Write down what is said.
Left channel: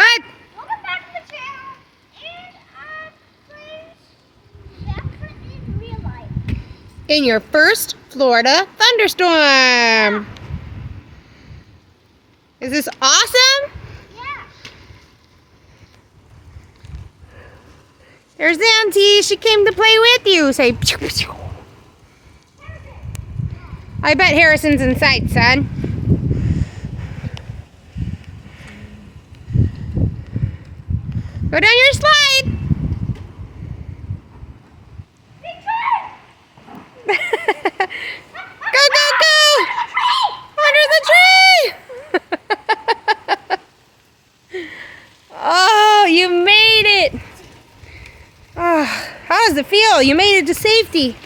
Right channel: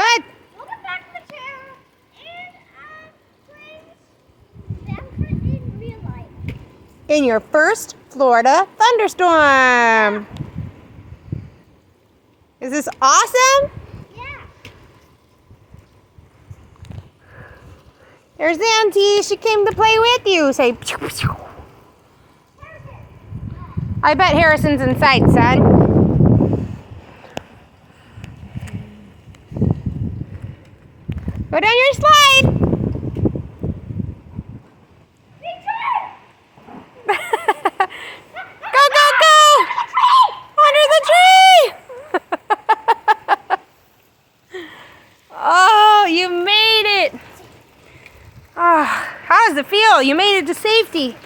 Go ahead. Welcome back to the channel. And please, Zephyr in real life. In your first Florida thunderstorm. Is this awesome? Yeah. There's Auntie. She came to play with you. Say, pew, pew. I bet Harrison's in sight, son. Go down your slide. Go, go, go! Under the tree! Oh, you made it! Oh, how does it feel? You made it to safety.